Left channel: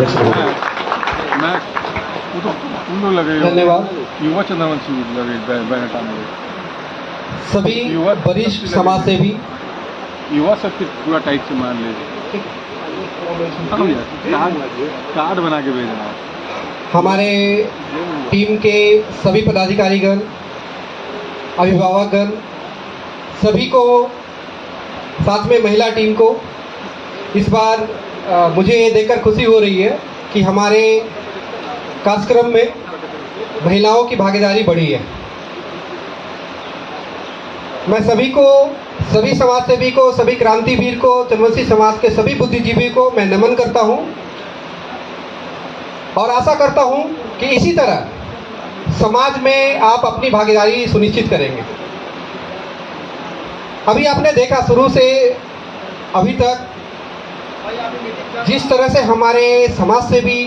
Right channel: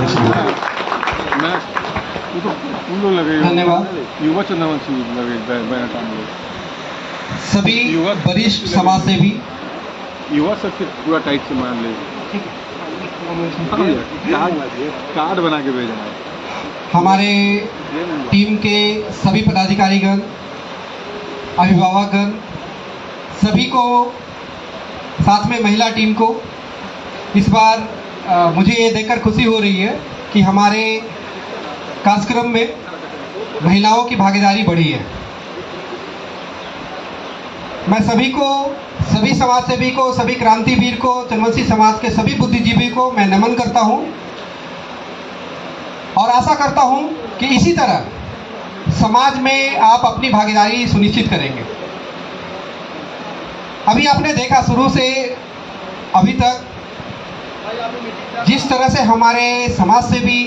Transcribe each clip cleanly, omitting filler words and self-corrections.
अध्यक्ष महोदय। मैं उन लगे धन्यवाद। युवा चंद्रवंशी लगे बैनर टांगे सभी युवा वरिष्ठ शक्ति समाज लगे। सेवी, युवा शक्ति पूरा टाइट से मान ले। हाँ भैया, कार्ड बना के भेजना। हमारे टीम के सभी पदाधिकारीगण, अभिभावकगण, सभी को, साथ में महिला टीम को इस बार मुझे ये देखकर खुशी हो रही है कि हमारे कार्यक्रम में महिलाओं की भागीदारी बढ़ी है। मैं सभी को, सभी समाज सेवी को, सभी क्रांतिवीर को, चंद्रवंशी समाज के सभी बुद्धिजीवी को मैं नमन करता हूं और आशा करता हूं कि इसी तरह समाज में आप अपनी भागीदारी सुनिश्चित करेंगे। अभी आपने देखा शुरू से अभी तक जिस तरह से हमारे समाज सेवी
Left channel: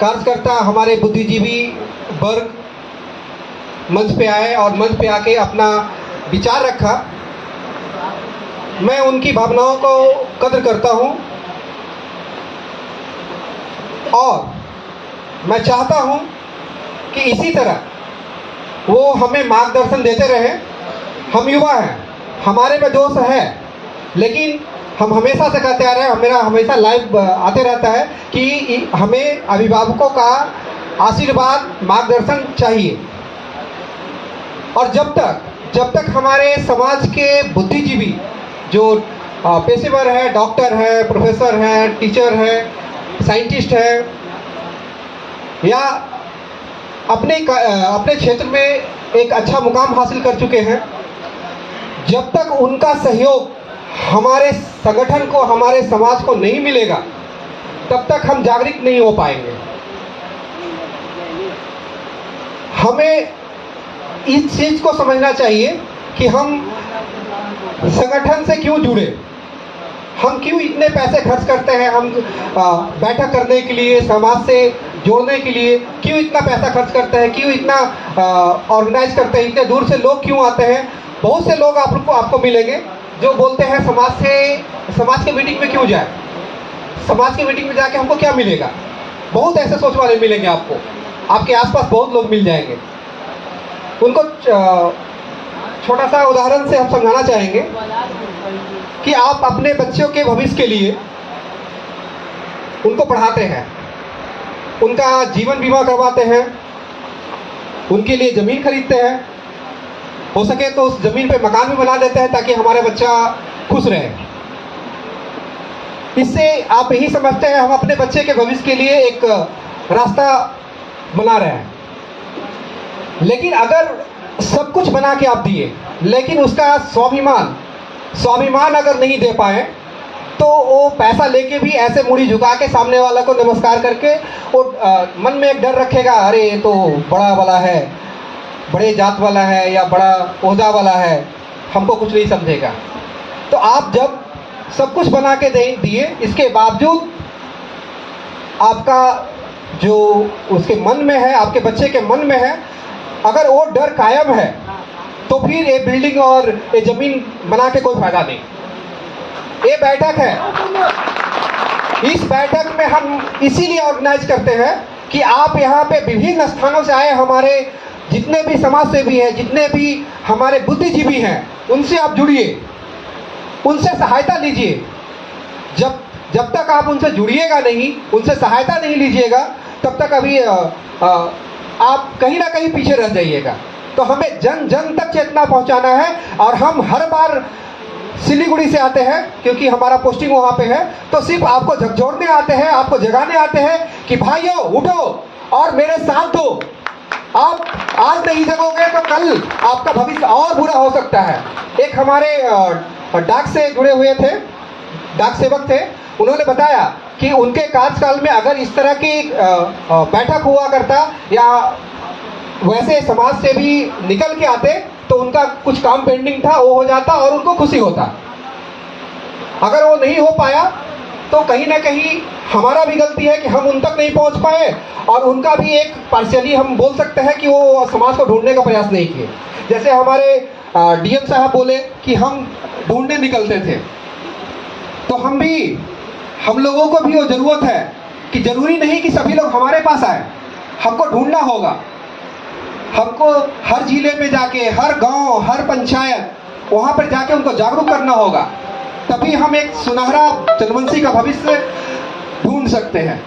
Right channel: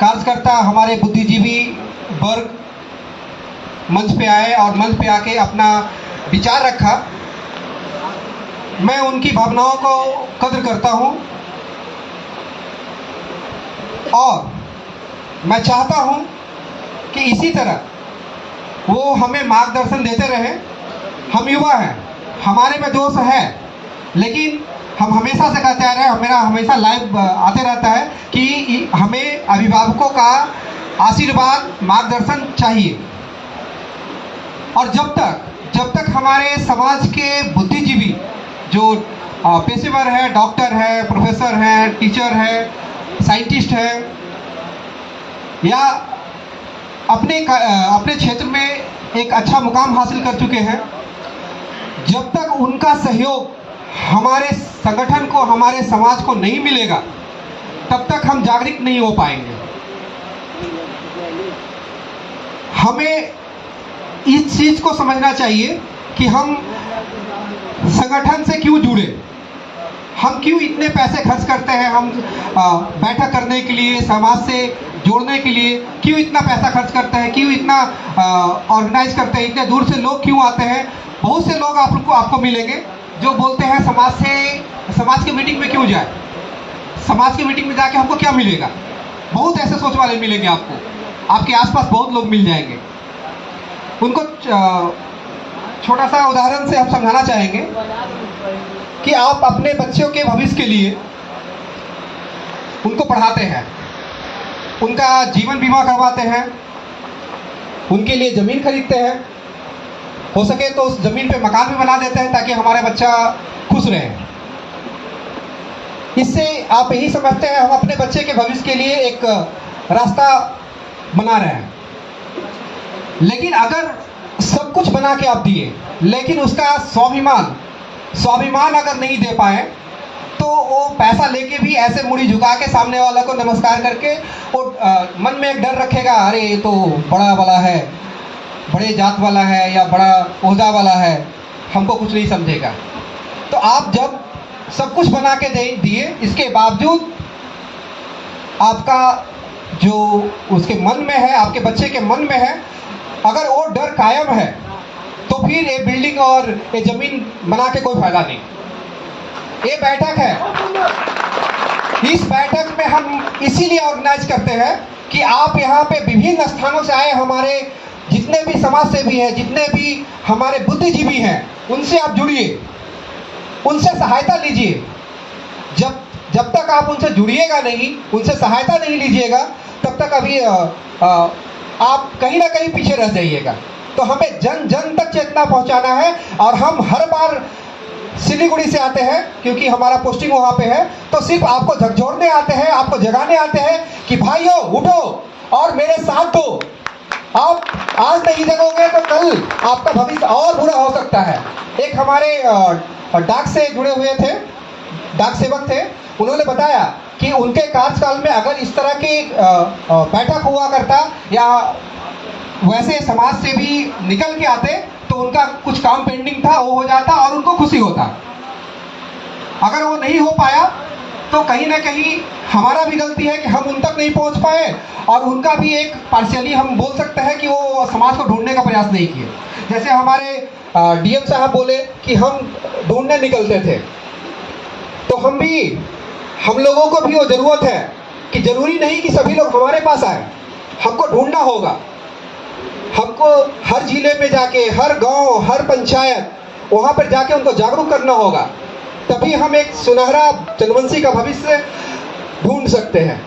कार्यकर्ता, हमारे बुद्धिजीवी वर्ग मंच पे आए और मंच पे आके अपना विचार रखा, मैं उनकी भावनाओं को कद्र करता हूं और मैं चाहता हूं कि इसी तरह वो हमें मार्गदर्शन देते रहे। हम युवा हैं, हमारे में जोश है, लेकिन हम हमेशा से कहते आ रहे हैं, मेरा हमेशा लाइव आते रहता है कि हमें अभिभावकों का आशीर्वाद, मार्गदर्शन चाहिए। और जब तक हमारे समाज के बुद्धिजीवी जो पेशेवर हैं, डॉक्टर हैं, प्रोफेसर हैं, टीचर हैं, साइंटिस्ट हैं या अपने क्षेत्र में एक अच्छा मुकाम हासिल कर चुके हैं, जब तक उनका सहयोग हमारे संगठन को, हमारे समाज को नहीं मिलेगा, तब तक हम जागरूक नहीं हो पाएंगे। हमें इस चीज को समझना चाहिए कि हम संगठन से क्यों जुड़े, हम क्यों इतने पैसे खर्च करते हैं, हम बैठक करने के लिए, समाज से जोड़ने के लिए क्यों इतना पैसा खर्च करते हैं, क्यों इतना ऑर्गेनाइज करते हैं, इतने दूर से लोग क्यों आते हैं। बहुत से लोग आपको मिलेंगे जो बोलते हैं समाज के मीटिंग में क्यों जाए, समाज के मीटिंग में जाके हमको क्या मिलेगा। बहुत ऐसे सोच वाले मिलेंगे आपको, आपके आसपास बहुत लोग मिल जाएंगे। उनको छोटा सा उदाहरण से हम समझाना चाहेंगे कि आप अपने बच्चों के भविष्य के लिए उनको पढ़ाते हैं, उनका जीवन बीमा करवाते हैं, उनके लिए ज़मीन खरीदते हैं, हो सके तो उस ज़मीन पे मकान भी बना देते हैं ताकि हमारे बच्चा खुश रहे। इससे आप यही समझते हैं हम अपने बच्चे के भविष्य के लिए एक रास्ता बना रहे हैं। लेकिन अगर सब कुछ बना के आप दिए, लेकिन उसका स्वाभिमान अगर नहीं दे पाए, तो वो पैसा लेके भी ऐसे मुड़ी झुका के सामने वाला को नमस्कार करके वो मन में एक डर रखेगा, अरे ये तो बड़ा वाला है, बड़े जात वाला है या बड़ा ओहदा वाला है, हमको कुछ नहीं समझेगा। तो आप जब सब कुछ बना के दिए, इसके बावजूद आपका जो उसके मन में है, आपके बच्चे के मन में है, अगर वो डर कायम है, तो फिर ये बिल्डिंग और ये जमीन बना के कोई फायदा नहीं। ये बैठक है, इस बैठक में हम इसीलिए ऑर्गेनाइज करते हैं कि आप यहाँ पे विभिन्न स्थानों से आए हमारे जितने भी समाज सेवी हैं, जितने भी हमारे बुद्धिजीवी हैं, उनसे आप जुड़िए, उनसे सहायता लीजिए। जब तक आप उनसे जुड़िएगा नहीं, उनसे सहायता नहीं लीजिएगा, तब तक अभी आप कहीं ना कहीं पीछे रह जाइएगा। तो हमें जन जन तक चेतना पहुंचाना है और हम हर बार सिलीगुड़ी से आते हैं क्योंकि हमारा पोस्टिंग वहां पे है, तो सिर्फ आपको झकझोरने आते हैं, आपको जगाने आते हैं कि भाइयों उठो और मेरे साथ दो। आप आज नहीं जगोगे तो कल आपका भविष्य और बुरा हो सकता है। एक हमारे डाक से जुड़े हुए थे, डाक सेवक थे, उन्होंने बताया कि उनके कार्यकाल में अगर इस तरह की बैठक हुआ करता या वैसे समाज से भी निकल के आते तो उनका कुछ काम पेंडिंग था वो हो जाता और उनको खुशी होता। अगर वो नहीं हो पाया तो कहीं ना कहीं हमारा भी गलती है कि हम उन तक नहीं पहुंच पाए और उनका भी एक पार्शियली हम बोल सकते हैं कि वो समाज को ढूंढने का प्रयास नहीं किए। जैसे हमारे डीएम साहब बोले कि हम ढूंढने निकलते थे, तो हम लोगों को भी वो ज़रूरत है कि जरूरी नहीं कि सभी लोग हमारे पास आए, हमको ढूंढना होगा। हमको हर जिले पे जाके, हर गांव, हर पंचायत, वहां पर जाके उनको जागरूक करना होगा, तभी हम एक सुनहरा जनवंशी का भविष्य ढूंढ सकते हैं।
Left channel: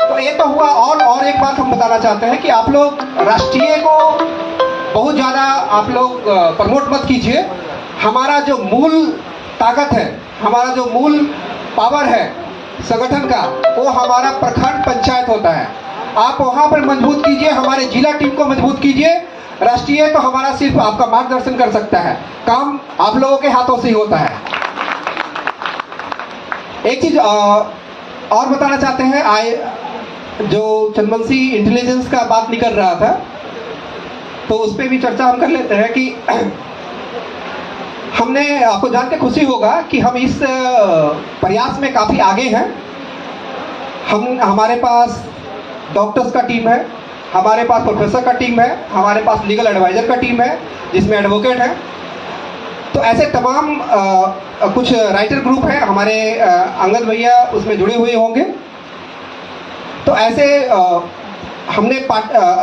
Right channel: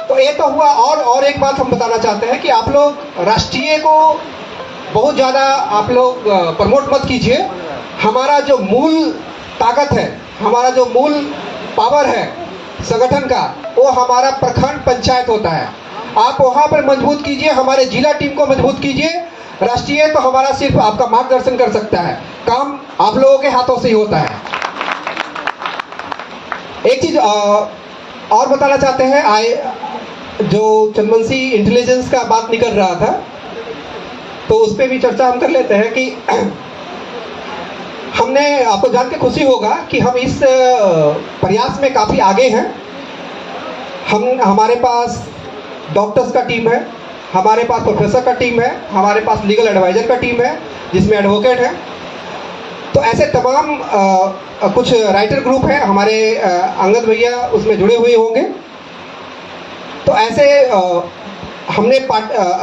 तो ये तो हुआ। और एक बात हम बताना चाहते हैं कि आप लोग राष्ट्रीय को बहुत ज़्यादा आप लोग प्रमोट मत कीजिए। हमारा जो मूल ताकत है, हमारा जो मूल पावर है संगठन का, वो हमारा प्रखंड पंचायत होता है। आप वहाँ पर मजबूत कीजिए, हमारे जिला टीम को मजबूत कीजिए। राष्ट्रीय तो हमारा सिर्फ आपका मार्गदर्शन कर सकता है, काम आप लोगों के हाथों से ही होता है। एक चीज और बताना चाहते हैं, जो चंदवंशी इंटेलिजेंस का बात निकल रहा था, तो उस पर भी चर्चा हम कर लेते हैं कि हमने, आपको जान के खुशी होगा कि हम इस प्रयास में काफ़ी आगे हैं। हमारे पास डॉक्टर्स का टीम है, हमारे पास प्रोफेसर का टीम है, हमारे पास लीगल एडवाइजर का टीम है जिसमें एडवोकेट है। तो ऐसे तमाम कुछ राइटर ग्रुप हैं, हमारे अंगद भैया उसमें जुड़े हुए होंगे। तो ऐसे हमने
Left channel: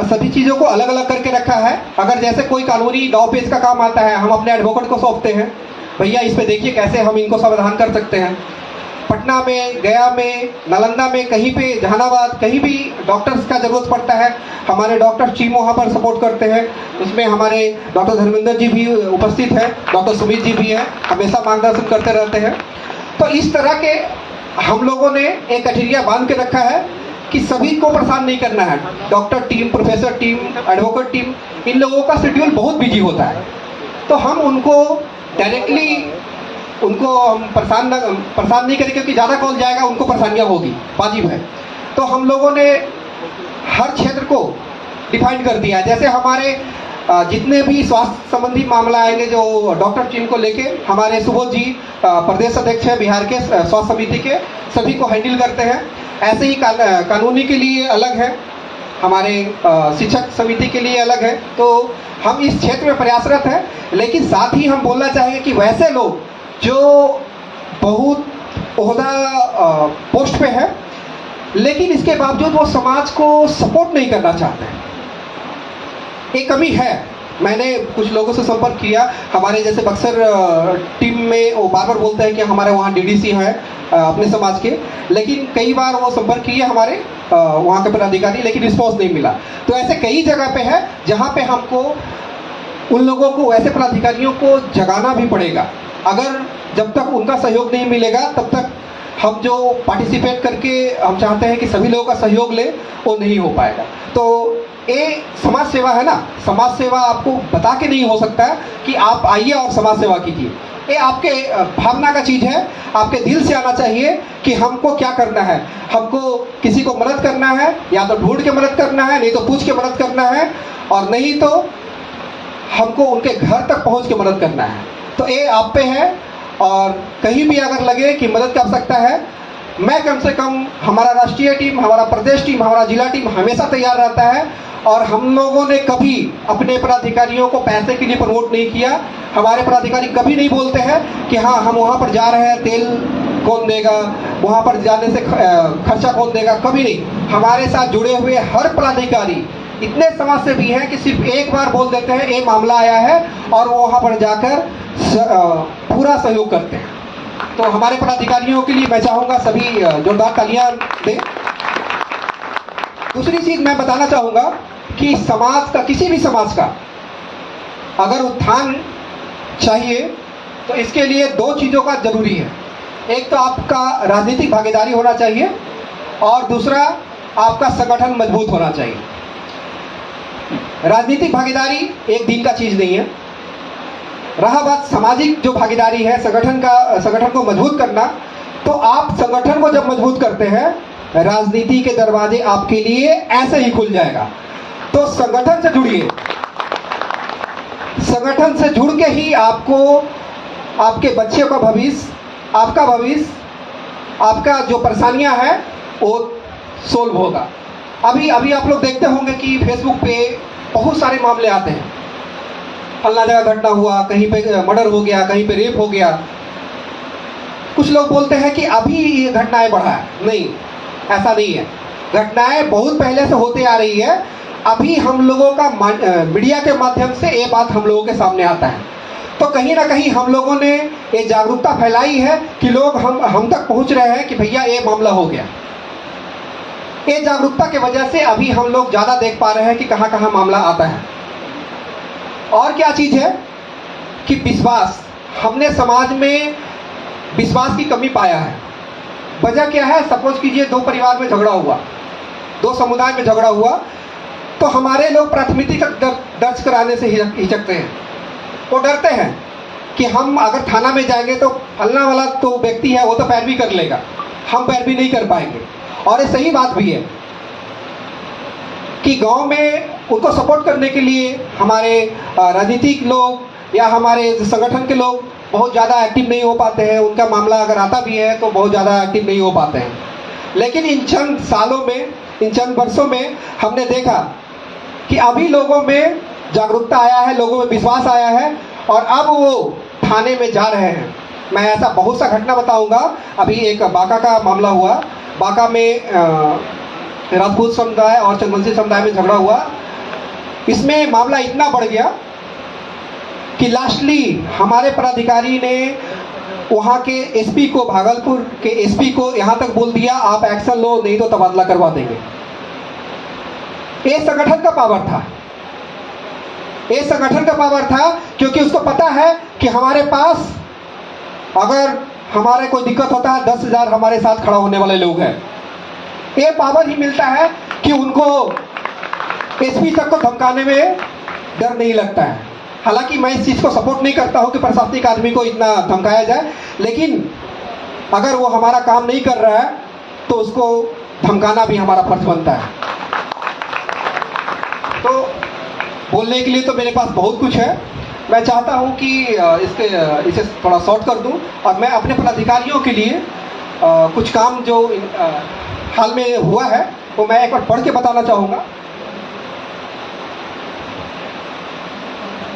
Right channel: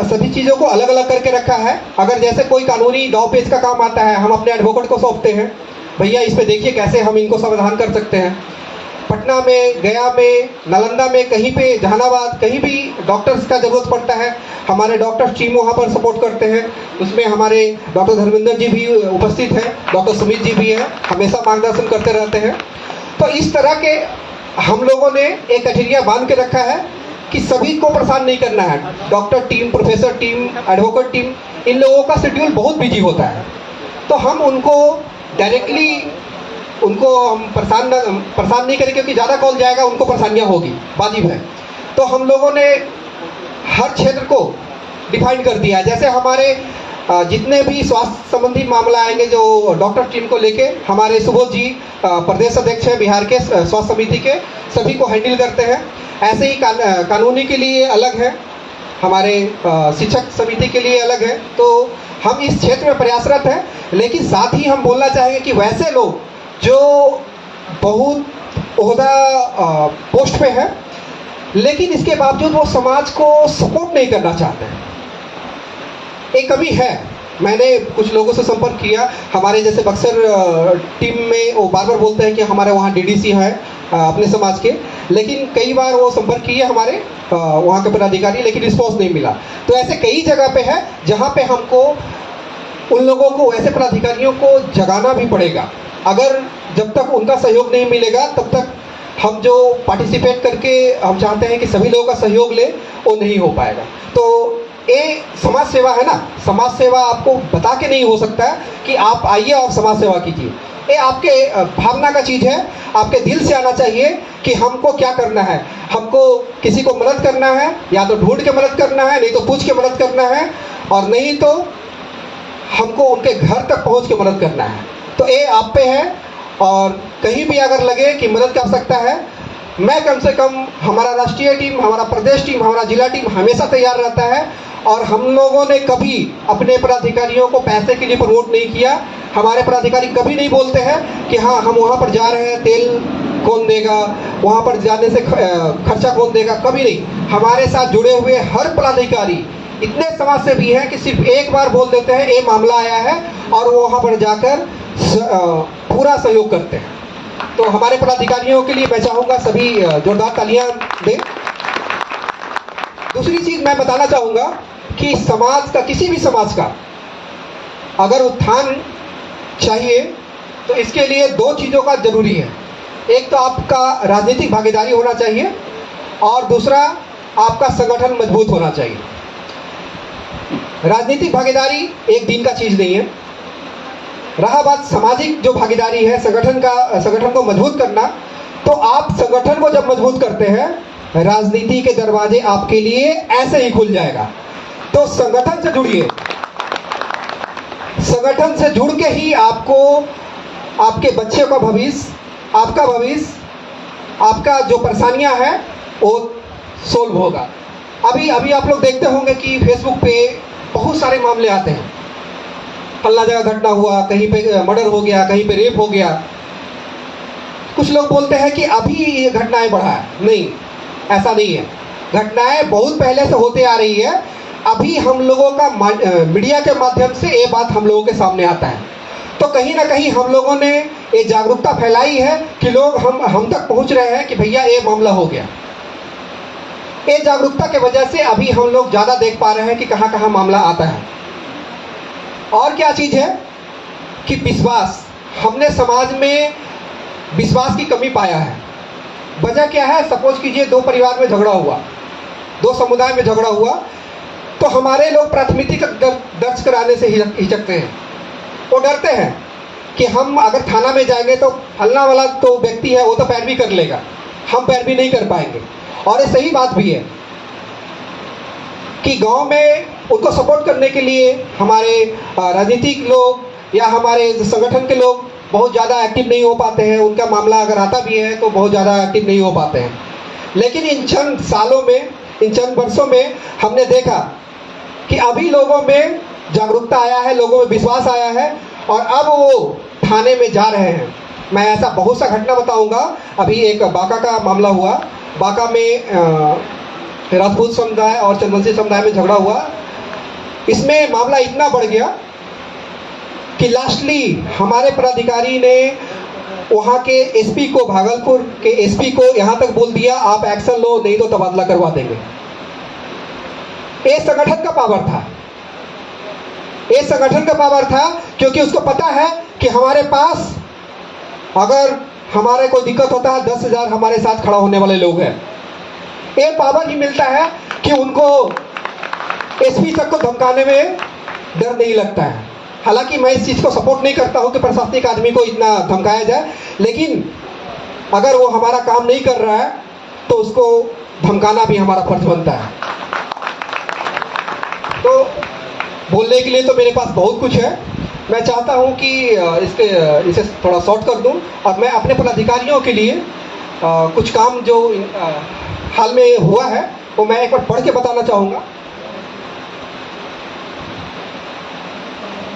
सभी चीज़ों को अलग अलग करके रखा है। अगर जैसे कोई कानूनी दाव पेच का काम आता है, हम अपने एडवोकेट को सौंपते हैं, भैया इस पे देखिए कैसे हम इनको समाधान कर सकते हैं। पटना में, गया में, नालंदा में, कहीं पे, जहानाबाद, कहीं भी डॉक्टर्स का जरूरत पड़ता है, हमारे डॉक्टर टीम वहाँ पर सपोर्ट करते हैं। उसमें हमारे डॉक्टर धर्मेंद्र जी भी उपस्थित हैं, डॉक्टर सुमित जी भी हैं, हमेशा मार्गदर्शन करते रहते हैं। तो इस तरह के हम लोगों ने एक कठिरिया बांध के रखा है कि सभी को परेशान नहीं करना है। Doctor team, professor team, advocate team, इन लोगों का शेड्यूल बहुत बिजी होता है, तो हम उनको डायरेक्टली हम परेशान नहीं करें, क्योंकि ज़्यादा कॉल जाएगा उनको परेशानियाँ होगी, वाजिब है। तो हम लोगों ने हर क्षेत्र को डिफाइन कर दिया है। जैसे हमारे जितने भी स्वास्थ्य संबंधी मामला आएंगे, जो डॉक्टर टीम को लेके हमारे सुबोध जी प्रदेश अध्यक्ष हैं बिहार के स्वास्थ्य समिति के, सभी को हैंडल करते हैं। ऐसे ही कानूनी के लिए अलग है, हमारे शिक्षक समिति के लिए अलग है। तो हम इस क्षेत्र में प्रयासरत हैं, लेकिन साथ ही हम बोलना चाहेंगे कि वैसे लोग जो बहुत ओहदा पोस्ट पे है, लेकिन इसके बावजूद वो समाज को सपोर्ट नहीं करना चाहते हैं, एक कमी है। मैंने कुछ लोगों से संपर्क किया, हमारे जैसे बक्सर टीम में वो बार बार बोलते हैं कि हमारे वहाँ डीडीसी हैं अपने समाज के, लेकिन कई बार वो संपर्क किए हमारे वहाँ के पदाधिकारी, लेकिन रिस्पॉन्स नहीं मिला। तो ऐसे कई जगह पे है जहाँ पे हमको उन लोगों को, ऐसे पदाधिकारियों को जगाना भी पड़ेगा। अगर जब तक उनका सहयोग नहीं मिलेगा, तब तक हम जो पार्टिसिपेट करके हम चाहते हैं कि सभी लोगों का सहयोग ले, वो नहीं हो पाएगा। तो ये समाज सेवा है ना, समाज सेवा आपको बता के नहीं हो सकता है कि आप आइए और समाज सेवा कीजिए। ये आपके भावना का चीज़ है, आपके दिल से आना चाहिए कि हमको क्या करना है। हमको किसी को मदद करना है, या तो ढूंढ के मदद करना है, नहीं तो पूछ के मदद करना है, और नहीं तो हमको उनके घर तक पहुंच के मदद करना है। तो ये आप पे है, और कहीं भी अगर लगे कि मदद की आवश्यकता है, मैं कम से कम, हमारा राष्ट्रीय टीम, हमारा प्रदेश टीम, हमारा जिला टीम हमेशा तैयार रहता है। और हम लोगों ने कभी अपने पदाधिकारियों को पैसे के लिए प्रमोट नहीं किया। हमारे पदाधिकारी कभी नहीं बोलते हैं कि हाँ हम वहाँ पर जा रहे हैं, तेल कौन देगा, वहाँ पर जाने से खर्चा कौन देगा, कभी नहीं। हमारे साथ जुड़े हुए हर पदाधिकारी इतने समाज से भी हैं कि सिर्फ एक बार बोल देते हैं एक मामला आया है, और वो वहाँ पर जाकर पूरा सहयोग करते हैं। तो हमारे पदाधिकारियों के लिए मैं चाहूँगा सभी जोरदार तालियां दें। दूसरी चीज़ मैं बताना चाहूँगा कि समाज का, किसी भी समाज का अगर उत्थान चाहिए तो इसके लिए दो चीज़ों का जरूरी है। एक तो आपका राजनीतिक भागीदारी होना चाहिए, और दूसरा आपका संगठन मजबूत होना चाहिए। राजनीतिक भागीदारी एक दिन का चीज़ नहीं है। रहा बात सामाजिक जो भागीदारी है, संगठन को मजबूत करना, तो आप संगठन को जब मजबूत करते हैं, राजनीति के दरवाजे आपके लिए ऐसे ही खुल जाएगा। तो संगठन से जुड़िए, संगठन से जुड़ के ही आपको आपके बच्चे का भविष्य, आपका भविष्य, आपका जो परेशानियां हैं वो सोल्व होगा। अभी आप लोग देखते होंगे कि फेसबुक पे बहुत सारे मामले आते हैं, फल्ला जगह घटना हुआ, कहीं पे मर्डर हो गया, कहीं पे रेप हो गया। कुछ लोग बोलते हैं कि अभी ये घटनाएं बढ़ा है। नहीं, ऐसा नहीं है। घटनाएं बहुत पहले से होते आ रही है, अभी हम लोगों का मीडिया के माध्यम से ये बात हम लोगों के सामने आता है। तो कहीं ना कहीं हम लोगों ने ये जागरूकता फैलाई है कि लोग हम तक पहुंच रहे हैं कि भैया ये मामला हो गया। ये जागरूकता की वजह से अभी हम लोग ज़्यादा देख पा रहे हैं कि कहाँ कहाँ मामला आता है। और क्या चीज़ है कि विश्वास, हमने समाज में विश्वास की कमी पाया है। वजह क्या है? सपोज कीजिए दो परिवार में झगड़ा हुआ, दो समुदाय में झगड़ा हुआ, तो हमारे लोग प्राथमिकी दर्ज कराने से हिचकते हैं। वो डरते हैं कि हम अगर थाना में जाएंगे तो फलना वाला तो व्यक्ति है वो तो पैरवी कर लेगा, हम पैरवी नहीं कर पाएंगे। और ये सही बात भी है कि गांव में उनको सपोर्ट करने के लिए हमारे राजनीतिक लोग या हमारे संगठन के लोग बहुत ज़्यादा एक्टिव नहीं हो पाते हैं। उनका मामला अगर आता भी है तो बहुत ज़्यादा एक्टिव नहीं हो पाते हैं। लेकिन इन चंद सालों में, इन चंद वर्षों में हमने देखा कि अभी लोगों में जागरूकता आया है, लोगों में विश्वास आया है और अब वो थाने में जा रहे हैं। मैं ऐसा बहुत सा घटना बताऊंगा। अभी एक बांका का मामला हुआ। बांका में राजपूत समुदाय और चंदवंशी समुदाय में झगड़ा हुआ। इसमें मामला इतना बढ़ गया कि लास्टली हमारे पदाधिकारी ने वहाँ के एसपी को, भागलपुर के एसपी को यहाँ तक बोल दिया आप एक्शन लो, नहीं तो तबादला करवा देंगे। ये संगठन का पावर था, ये संगठन का पावर था, क्योंकि उसको पता है कि हमारे पास अगर हमारे कोई दिक्कत होता है 10,000 हमारे साथ खड़ा होने वाले लोग हैं। ये पावर ही मिलता है कि उनको एसपी तक को धमकाने में डर नहीं लगता है। हालांकि मैं इस चीज़ को सपोर्ट नहीं करता हूं कि प्रशासनिक आदमी को इतना धमकाया जाए, लेकिन अगर वो हमारा काम नहीं कर रहा है तो उसको धमकाना भी हमारा फर्ज बनता है। तो बोलने के लिए तो मेरे पास बहुत कुछ है। मैं चाहता हूं कि इसे थोड़ा शॉर्ट कर दूं और मैं अपने पदाधिकारियों के लिए कुछ काम जो हाल में हुआ है वो मैं एक बार पढ़ के बताना चाहूँगा।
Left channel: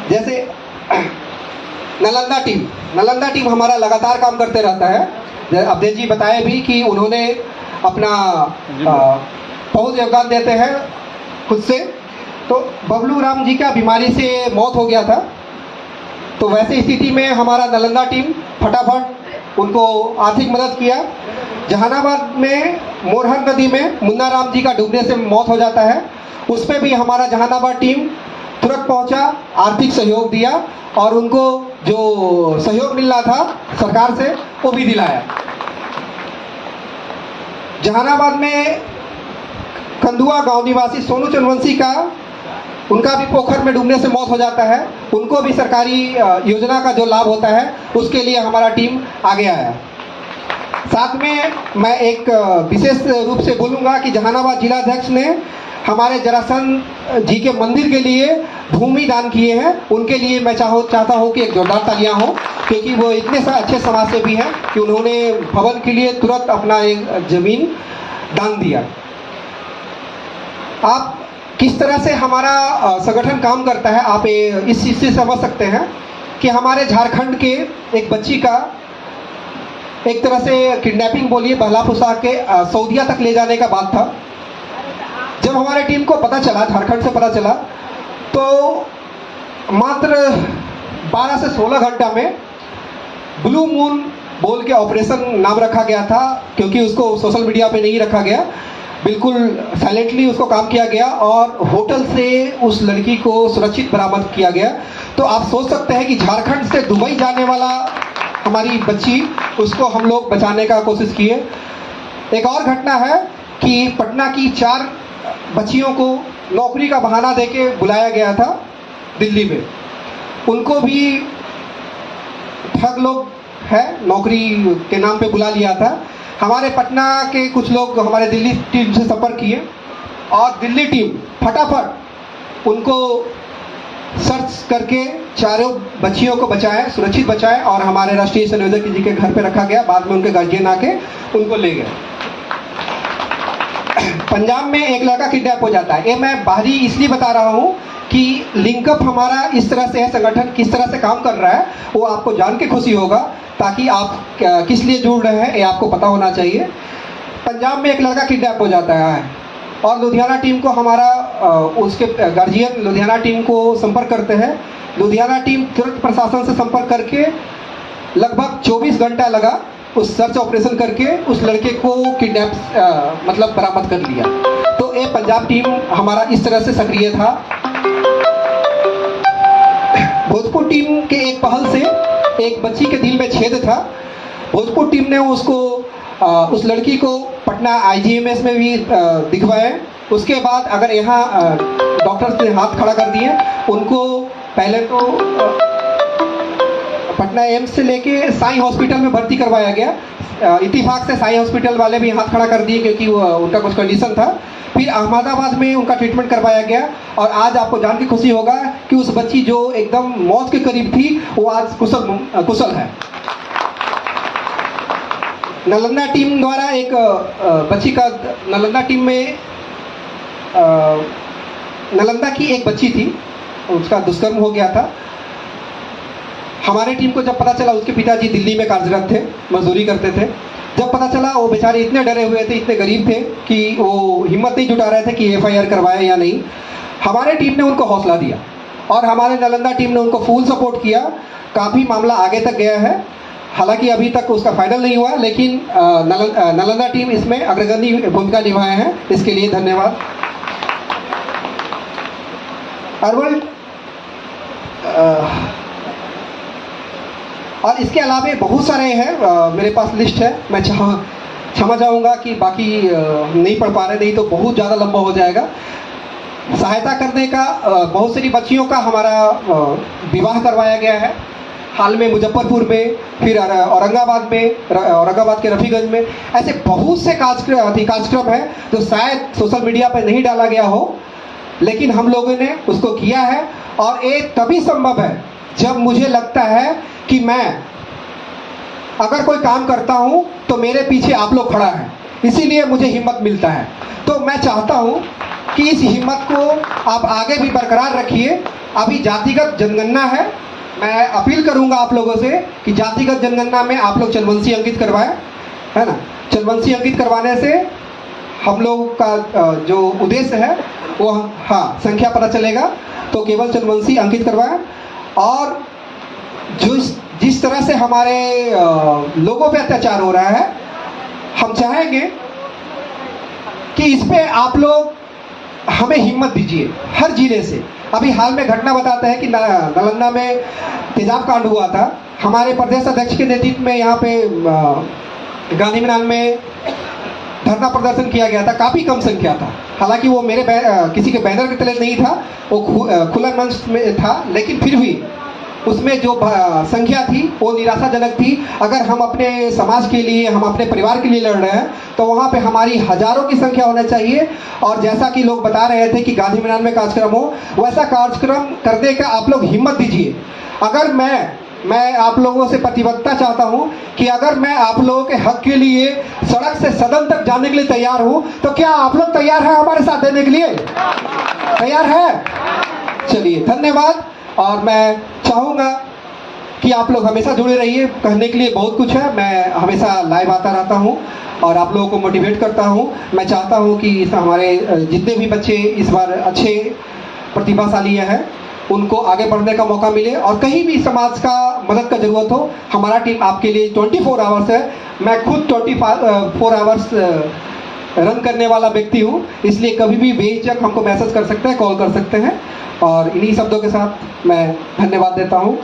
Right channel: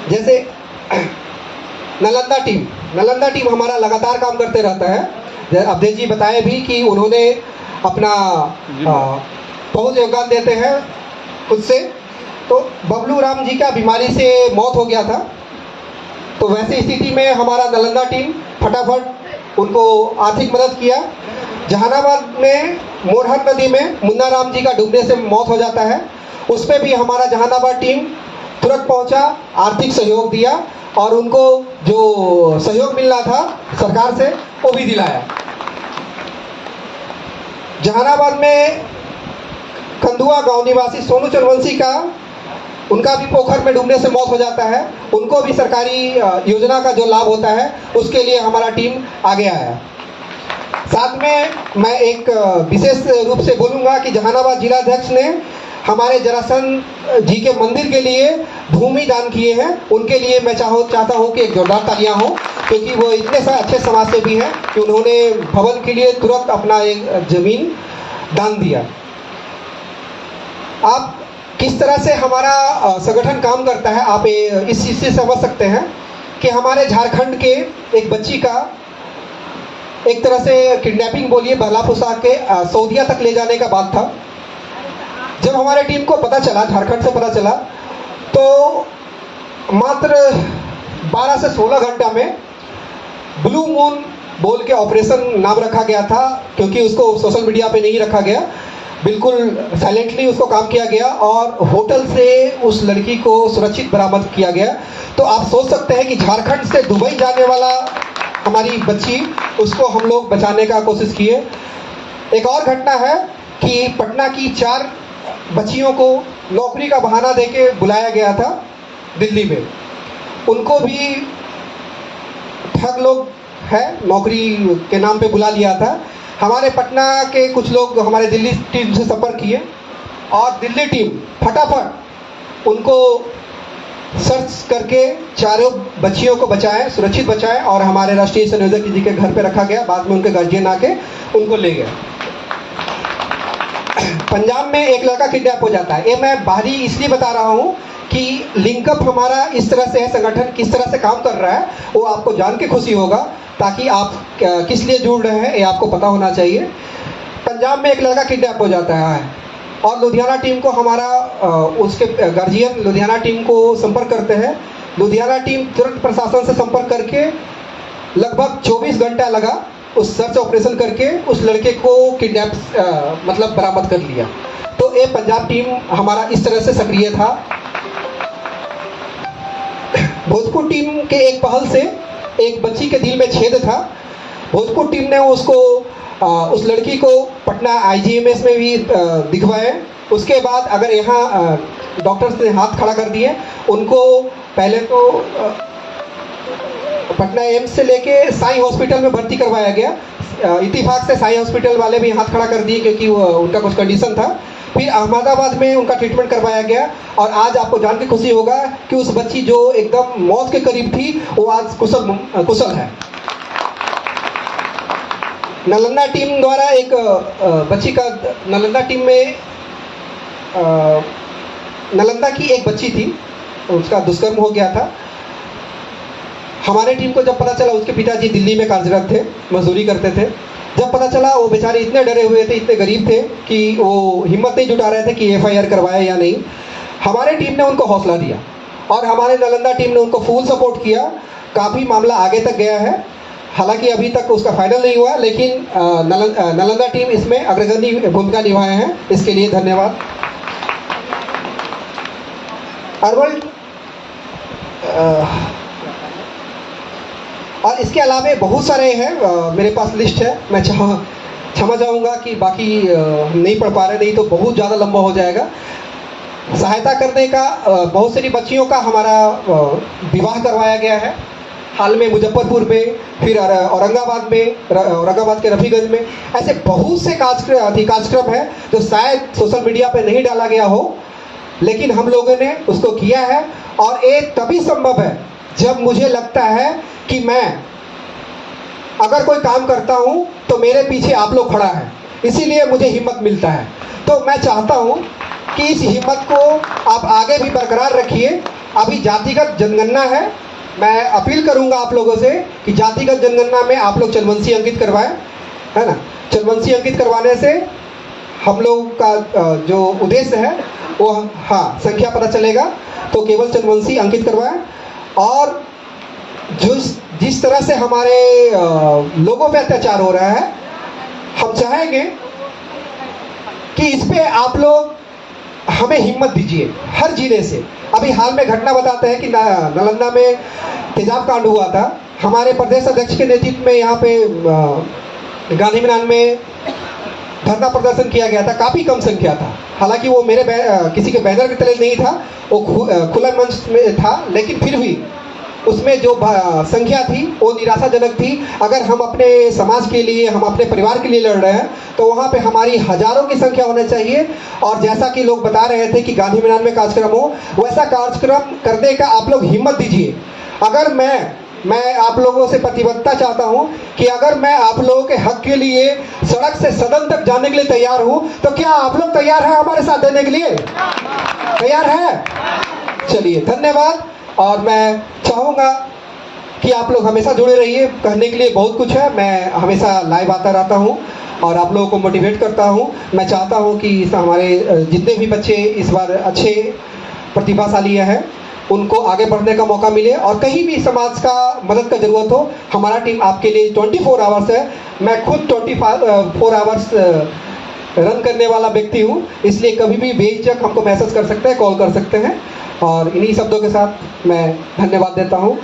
जैसे नालंदा टीम हमारा लगातार काम करते रहता है। अवधेश जी बताए भी कि उन्होंने अपना बहुत योगदान देते हैं खुद से। तो बबलू राम जी का बीमारी से मौत हो गया था, तो वैसी स्थिति में हमारा नालंदा टीम फटाफट उनको आर्थिक मदद किया। जहानाबाद में मोरहर नदी में मुन्ना राम जी का डूबने से मौत हो जाता है, उस पर भी हमारा जहानाबाद टीम तुरंत पहुंचा, आर्थिक सहयोग दिया और उनको जो सहयोग मिलना था सरकार से वो भी दिलाया। जहानाबाद में कंदुआ गांव निवासी सोनू चंदवंशी का, उनका भी पोखर में डूबने से मौत हो जाता है, उनको भी सरकारी योजना का जो लाभ होता है उसके लिए हमारा टीम आगे आया। साथ में मैं एक विशेष रूप से बोलूँगा कि जहानाबाद जिलाध्यक्ष ने हमारे जरासंध जी के मंदिर के लिए भूमि दान किए हैं। उनके लिए मैं चाहता हूँ कि एक जोरदार तालियां हो, क्योंकि वो इतने अच्छे समाज सेवी हैं कि उन्होंने भवन के लिए तुरंत अपना एक जमीन दान दिया। आप किस तरह से हमारा संगठन काम करता है आप इस चीज़ से समझ सकते हैं कि हमारे झारखंड के एक बच्ची का एक तरह से किडनैपिंग बोलिए, बहला फुसा के सऊदीया तक ले जाने का बात था। जब हमारे टीम को पता चला, झारखंड से पता चला, तो मात्र 12 से 16 घंटा में ब्लू मून बोल के ऑपरेशन नाम रखा गया था, क्योंकि उसको सोशल मीडिया पे नहीं रखा गया, बिल्कुल साइलेंटली उसको काम किया गया और होटल से उस लड़की को सुरक्षित बरामद किया गया। तो आप सोच सकते हैं कि झारखंड से दुबई जाने वाला हमारी बच्ची, उसको हम लोग बचाने का कोशिश किए। एक और घटना है कि पटना की 4 बच्चियों को नौकरी का बहाना देके बुलाया गया था दिल्ली में। उनको भी ठग लोग है, नौकरी के नाम पे बुला लिया था। हमारे पटना के कुछ लोग हमारे दिल्ली टीम से संपर्क किए और दिल्ली टीम फटाफट उनको सर्च करके चारों बच्चियों को बचाए, सुरक्षित बचाए और हमारे राष्ट्रीय संयोजक जी के घर पे रखा गया। बाद में उनके गार्जियन आके उनको ले गए। पंजाब में एक लड़का किडनैप हो जाता है। ये मैं बाहरी इसलिए बता रहा हूँ कि लिंकअप हमारा इस तरह से है, संगठन किस तरह से काम कर रहा है वो आपको जान के खुशी होगा, ताकि आप किस लिए जुड़ रहे हैं ये आपको पता होना चाहिए। पंजाब में एक लड़का किडनैप हो जाता है और लुधियाना टीम को उसके गार्जियन लुधियाना टीम को संपर्क करते हैं। लुधियाना टीम तुरंत प्रशासन से संपर्क करके लगभग 24 घंटा लगा उस सर्च ऑपरेशन करके उस लड़के को किडनैप मतलब बरामद कर लिया। तो ये पंजाब टीम हमारा इस तरह से सक्रिय था। भोजपुर टीम के एक पहल से एक बच्ची के दिल में छेद था। भोजपुर टीम ने उस लड़की को पटना IGMS में भी दिखवाए। उसके बाद अगर यहाँ डॉक्टर्स ने हाथ खड़ा कर दिए, उनको पहले तो पटना एम्स से लेके साई हॉस्पिटल में भर्ती करवाया गया। इत्तेफाक से साई हॉस्पिटल वाले भी हाथ खड़ा कर दिए क्योंकि उनका कुछ कंडीशन था। फिर अहमदाबाद में उनका ट्रीटमेंट करवाया गया और आज आपको जान के खुशी होगा कि उस बच्ची जो एकदम मौत के करीब थी वो आज कुशल है। नालंदा टीम द्वारा एक बच्ची का नालंदा टीम में नालंदा की एक बच्ची थी, उसका दुष्कर्म हो गया था। हमारे टीम को जब पता चला, उसके पिताजी दिल्ली में कार्यरत थे, मजदूरी करते थे। जब पता चला वो बेचारे इतने डरे हुए थे, इतने गरीब थे कि वो हिम्मत नहीं जुटा रहे थे कि FIR करवाए या नहीं। हमारे टीम ने उनको हौसला दिया और हमारे नालंदा टीम ने उनको फुल सपोर्ट किया। काफ़ी मामला आगे तक गया है, हालांकि अभी तक उसका फाइनल नहीं हुआ, लेकिन नालंदा टीम इसमें अग्रगण्य भूमिका निभाए हैं, इसके लिए धन्यवाद। अर्बन और इसके अलावा बहुत सारे हैं, मेरे पास लिस्ट है। मैं क्षमा चाहूँगा कि बाकी नहीं पढ़ पा रहे, नहीं तो बहुत ज़्यादा लंबा हो जाएगा। सहायता करने का बहुत सारी बच्चियों का हमारा विवाह करवाया गया है हाल में मुजफ्फरपुर में, फिर औरंगाबाद में, औरंगाबाद के रफीगंज में। ऐसे बहुत से कार्यक्रम है जो शायद सोशल मीडिया पर नहीं डाला गया हो, लेकिन हम लोगों ने उसको किया है। और ये तभी संभव है जब मुझे लगता है कि मैं अगर कोई काम करता हूं तो मेरे पीछे आप लोग खड़ा है, इसीलिए मुझे हिम्मत मिलता है। तो मैं चाहता हूं कि इस हिम्मत को आप आगे भी बरकरार रखिए। अभी जातिगत जनगणना है, मैं अपील करूंगा आप लोगों से कि जातिगत जनगणना में आप लोग चंद्रवंशी अंकित करवाएं, है ना। चंद्रवंशी अंकित करवाने से हम लोग का जो उद्देश्य है वो संख्या पता चलेगा। तो केवल चंद्रवंशी अंकित करवाएं। और जिस तरह से हमारे लोगों पे अत्याचार हो रहा है, हम चाहेंगे कि इस पे आप लोग हमें हिम्मत दीजिए हर जिले से। अभी हाल में घटना बताते हैं कि नालंदा में तेजाब कांड हुआ था। हमारे प्रदेश अध्यक्ष के नेतृत्व में यहाँ पे गांधी मैदान में धरना प्रदर्शन किया गया था। काफ़ी कम संख्या था, हालांकि वो मेरे किसी के बैनर के तले नहीं था, वो खुला मंच में था, लेकिन फिर भी उसमें जो संख्या थी वो निराशाजनक थी। अगर हम अपने समाज के लिए, हम अपने परिवार के लिए लड़ रहे हैं तो वहाँ पे हमारी हजारों की संख्या होना चाहिए। और जैसा कि लोग बता रहे थे कि गांधी मैदान में कार्यक्रम हो, वैसा कार्यक्रम करने का आप लोग हिम्मत दीजिए। अगर मैं आप लोगों से प्रतिबद्धता चाहता हूं कि अगर मैं आप लोगों के हक के लिए सड़क से सदन तक जाने के लिए तैयार हूं, तो क्या आप लोग तैयार हैं हमारे साथ देने के लिए? तैयार है? चलिए, धन्यवाद। और मैं चाहूँगा कि आप लोग हमेशा जुड़े रहिए, कहने के लिए बहुत कुछ है। मैं हमेशा लाइव आता रहता हूँ और आप लोगों को मोटिवेट करता हूँ। मैं चाहता हूँ कि हमारे जितने भी बच्चे इस बार अच्छे प्रतिभाशाली हैं, उनको आगे बढ़ने का मौका मिले। और कहीं भी समाज का मदद का ज़रूरत हो, हमारा टीम आपके लिए 24 आवर्स है। मैं खुद 24 आवर्स रन करने वाला व्यक्ति हूँ, इसलिए कभी भी बेझिझक हमको मैसेज कर सकते हैं, कॉल कर सकते हैं। और इन्हीं शब्दों के साथ मैं धन्यवाद देता हूँ।